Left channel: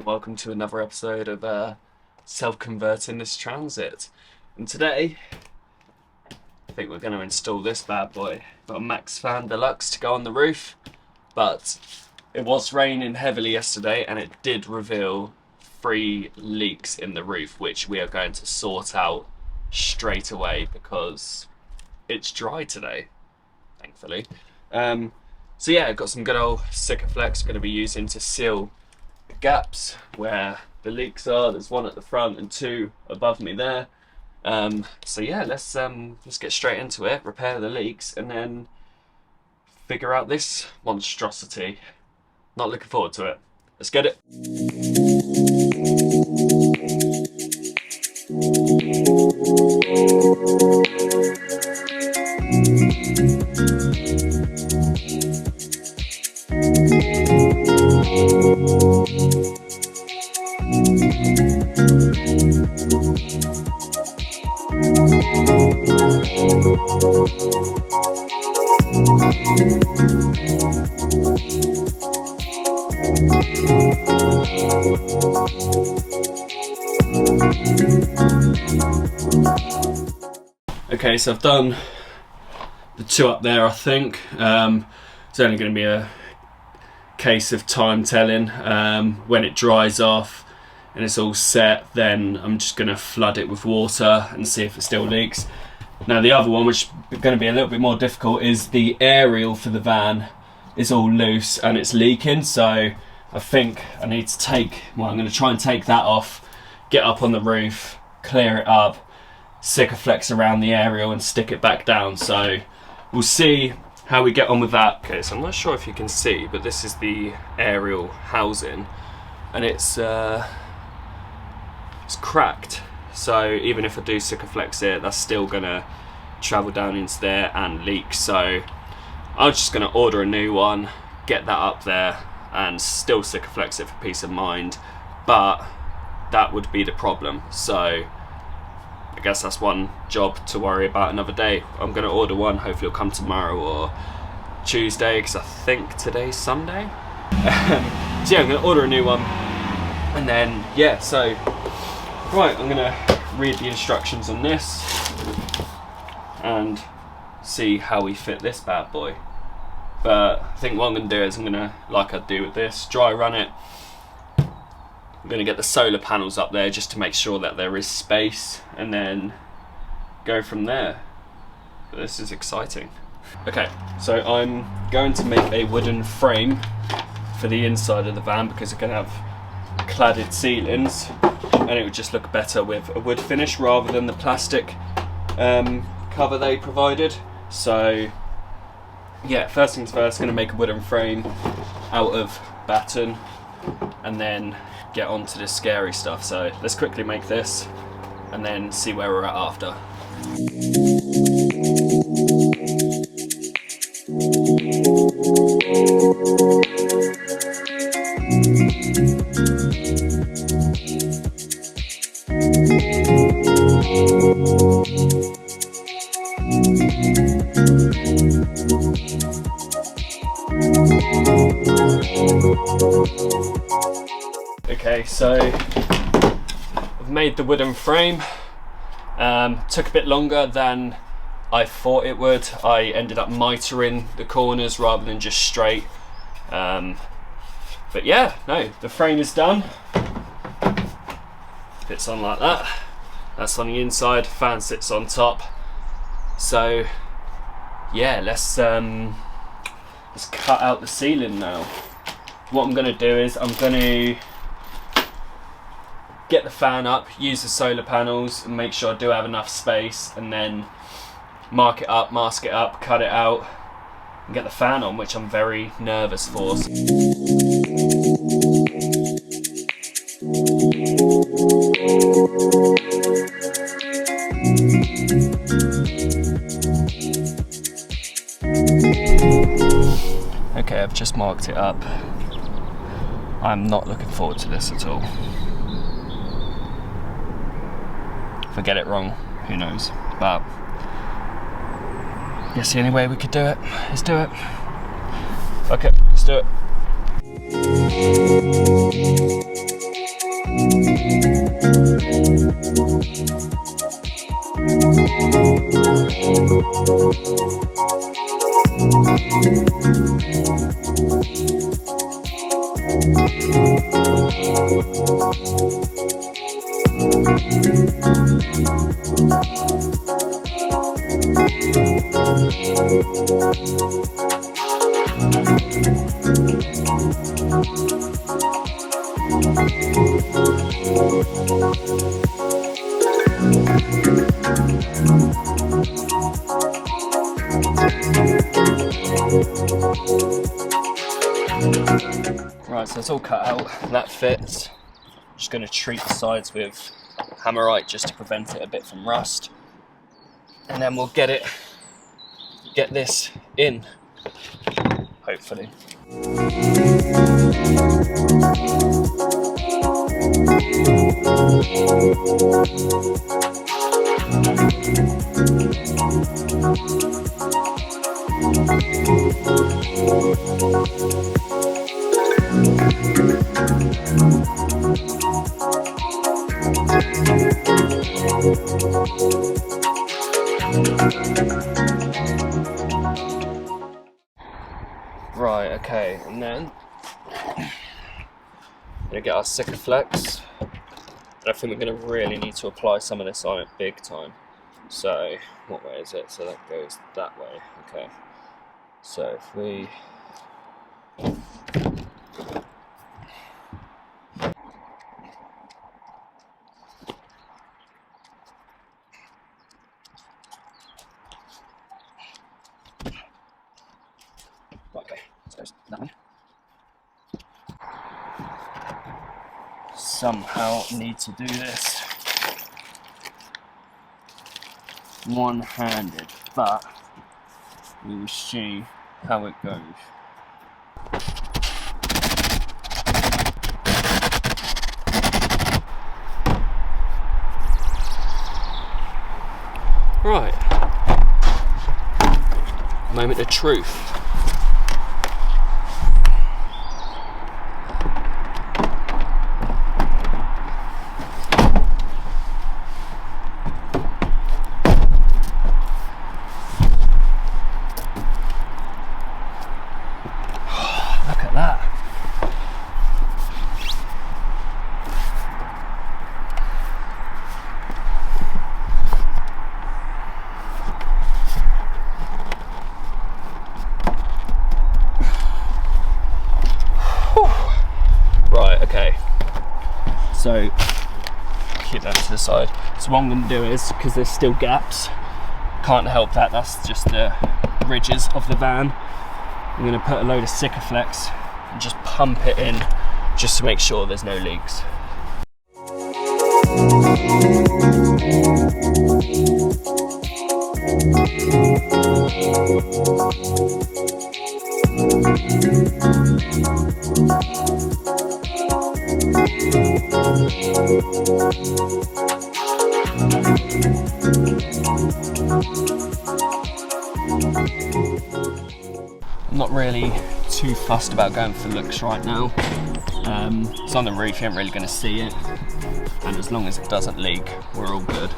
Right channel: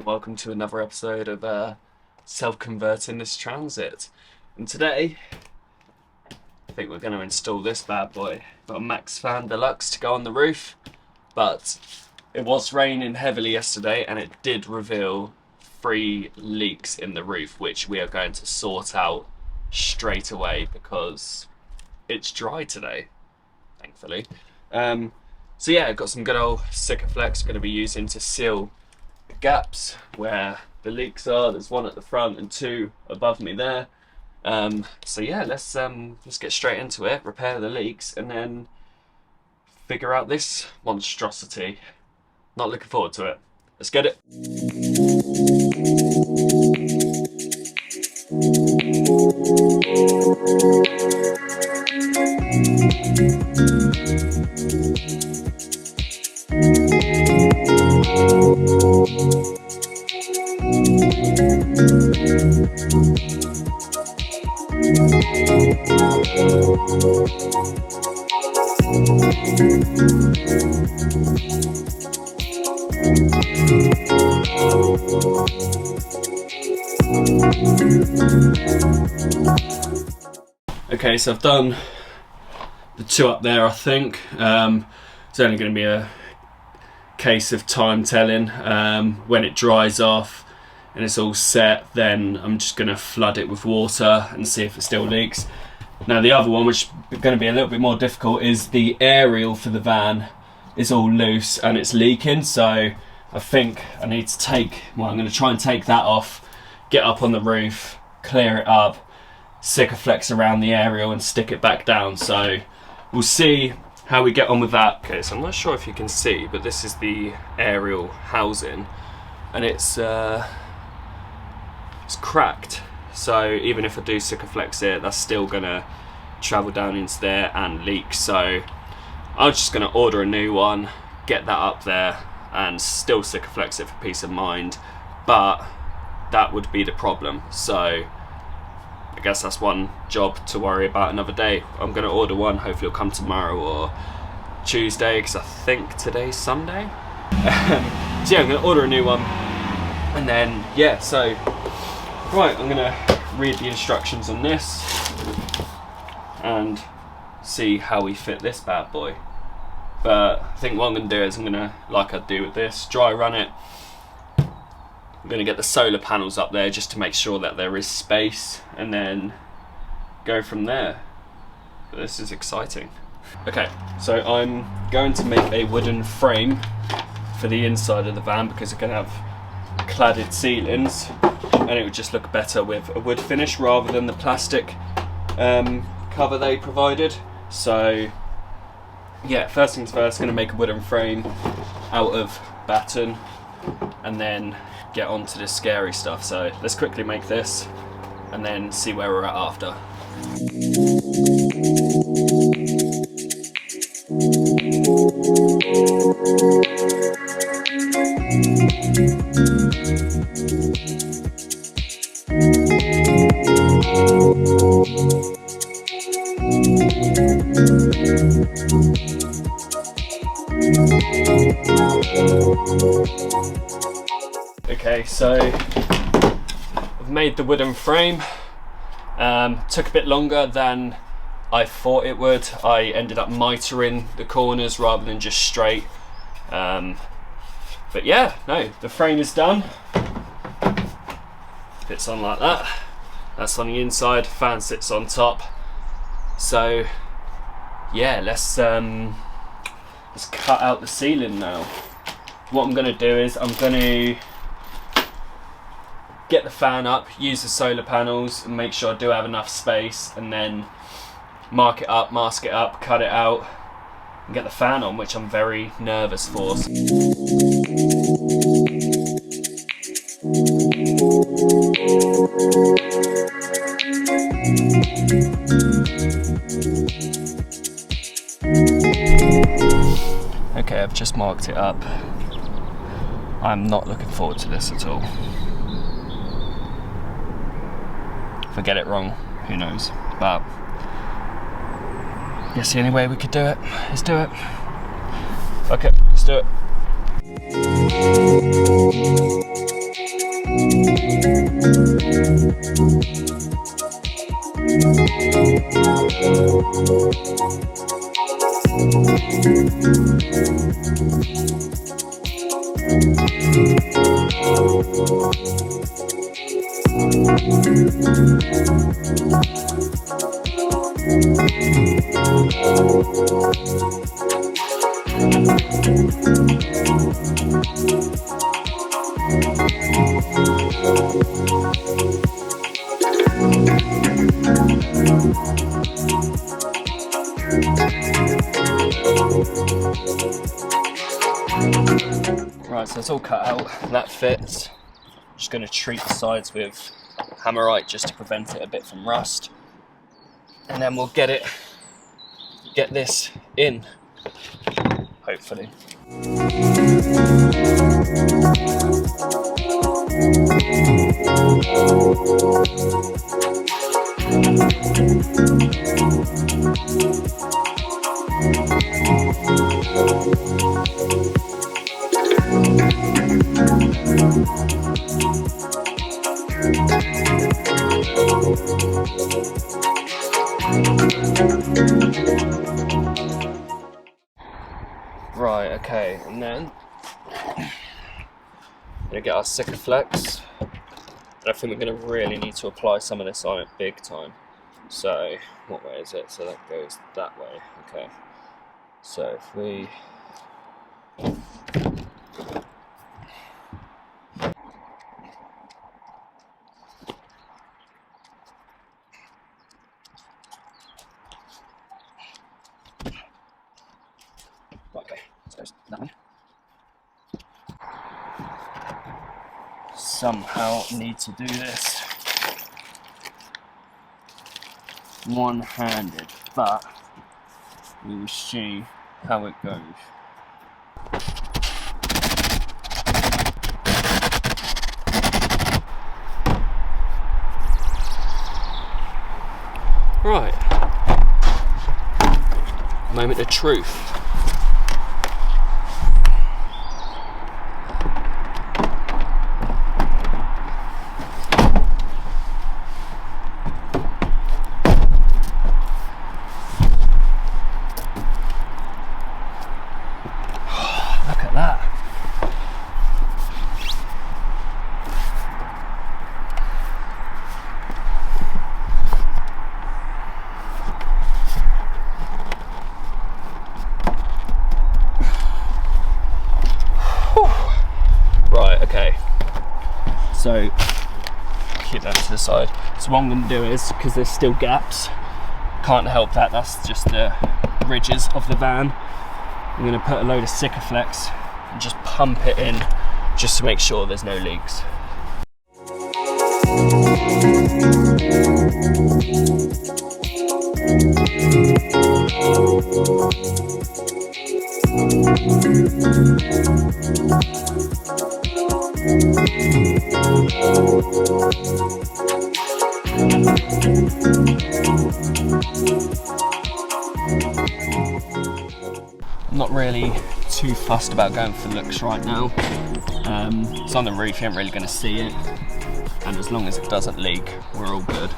Welcome to another episode of self-converting this Transit. And today, I think we're going to install this bad boy. Got a Maxx fan deluxe to go on the roof, but it was raining heavily yesterday and it did reveal 3 leaks in the roof, which we are going to sort out straight away because it's dry today, thankfully. So yeah, I've got some good old Sikaflex going to be using to seal the gaps where the leaks are. There's one at the front and 2 above me there. So yeah, let's get straight into it, repair the leaks, and then figure out this monstrosity. Not looking forward to it. Let's get it. Okay, so I've done the 2 up there, I think. It's only going to be a case of time telling. When it dries off and it's all set, then I'm just going to flood it with water and see if it still leaks. Now the other one, which is going to be a little bit more difficult, is the aerial for the van is all loose and it's leaking. So I think I need to I'm going to try and take that off, get up on the roof, clear it up, Sikaflex around the aerial and stick it back down. So we'll see how we get on with that. Okay, so I'm not sure if you can see, but this is the aerial housing and it's cracked. So even if I do Sikaflex it, that's still gonna travel down into there and leak. So I'm just gonna order a new one, get that up there and still Sikaflex it for peace of mind, but that would be the problem. So I guess that's one job to worry about another day. I'm going to order one, hopefully it'll come tomorrow or Tuesday, because I think today's Sunday. So yeah, I'm going to order a new one. And then, yeah, so, right, I'm going to read the instructions on this and see how we fit this bad boy. But I think what I'm going to do is I'm going to, like I do with this, dry run it. I'm going to get the solar panels up there just to make sure that there is space and then go from there. But this is exciting. Okay, so I'm going to make a wooden frame for the inside of the van because it's going to have cladded ceilings and it would just look better with a wood finish rather than the plastic cover they provided. So yeah, first things first, going to make a wooden frame out of batten and then get on to the scary stuff. So let's quickly make this and then see where we're at after. Okay, so I've made the wooden frame. Took a bit longer than I thought it would. I ended up mitering the corners rather than just straight. But yeah, no, the frame is done. Fits on like that. That's on the inside, fan sits on top. So yeah, let's cut out the ceiling now. What I'm gonna do is I'm gonna get the fan up, use the solar panels and make sure I do have enough space, and then mark it up, mask it up, cut it out and get the fan on, which I'm very nervous for. Okay, I've just marked it up. I'm not looking forward to this at all. If I get it wrong, who knows? But I guess the only way we could do it is do it. Okay, let's do it. Right, so it's all cut out, that fits. Just going to treat the sides with Hammerite just to prevent it a bit from rust. And then we'll get this in, hopefully. Right, okay, and then we're gonna get our Sikaflex, and I think we're gonna really need to apply some of this on it big time. So, what way is it? So that goes that way, okay. So if we okay, so it's that one. Somehow need to do this one-handed, but we will see how it goes. Right, moment of truth. Look at that. Right, okay. So, keep that to the side. So what I'm going to do is, because there's still gaps, can't help that, that's just the ridges of the van. I'm going to put a load of Sikaflex and just pump it in just to make sure there's no leaks. I'm not really too fussed about going for looks right now. It's on the roof, you ain't really going to see it, and as long as it doesn't leak, we're all good.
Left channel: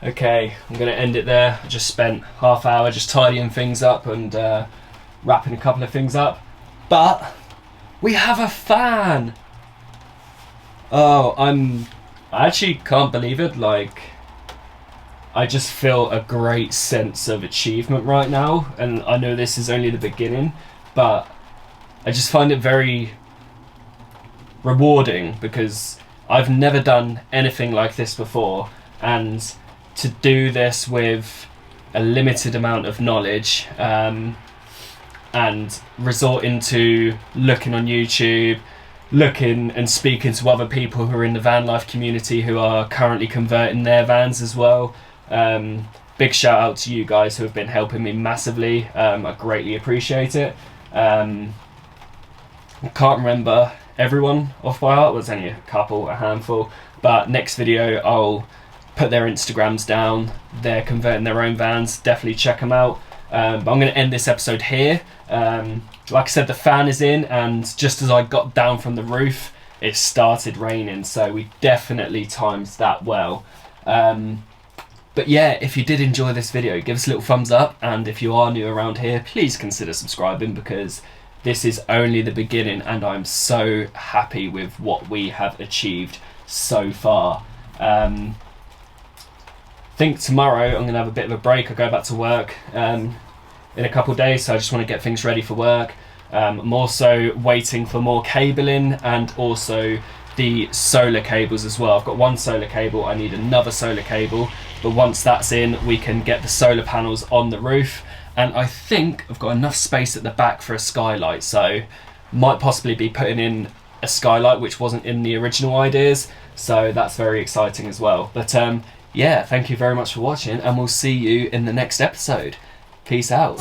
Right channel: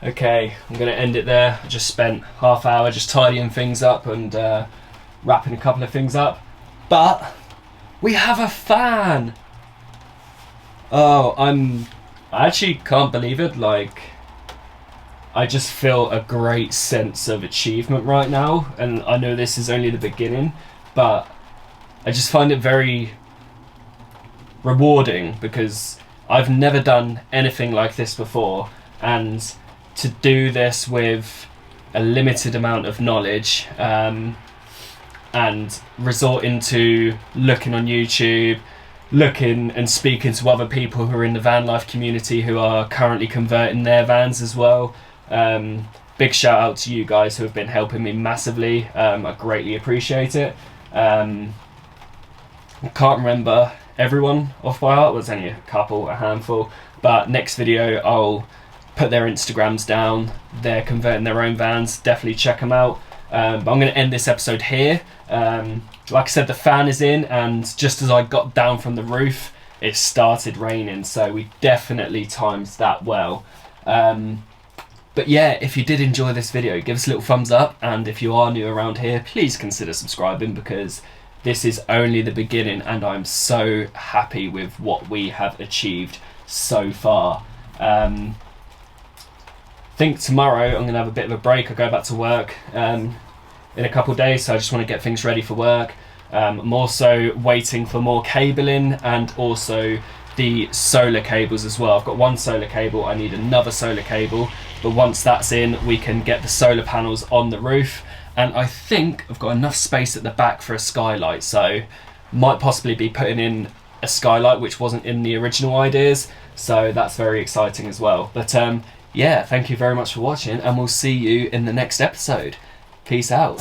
Okay, I'm going to end it there. I just spent half hour just tidying things up and wrapping a couple of things up. But we have a fan! Oh, I actually can't believe it. Like, I just feel a great sense of achievement right now. And I know this is only the beginning, but I just find it very rewarding because I've never done anything like this before. And to do this with a limited amount of knowledge, and resorting to looking on YouTube, looking and speaking to other people who are in the van life community who are currently converting their vans as well. Big shout out to you guys who have been helping me massively. I greatly appreciate it. I can't remember everyone off by heart, there's only a handful, but next video I'll put their Instagrams down. They're converting their own vans, definitely check them out. But I'm going to end this episode here. Like I said, the fan is in, and just as I got down from the roof it started raining, so we definitely timed that well. But yeah, if you did enjoy this video, give us a little thumbs up, and if you are new around here, please consider subscribing, because this is only the beginning and I'm so happy with what we have achieved so far. I think tomorrow I'm going to have a bit of a break. I go back to work in a couple of days, so I just want to get things ready for work. I'm also waiting for more cabling and also the solar cables as well. I've got one solar cable, I need another solar cable, but once that's in we can get the solar panels on the roof, and I think I've got enough space at the back for a skylight, so might possibly be putting in a skylight which wasn't in the original ideas, so that's very exciting as well. But yeah, thank you very much for watching, and we'll see you in the next episode. Peace out.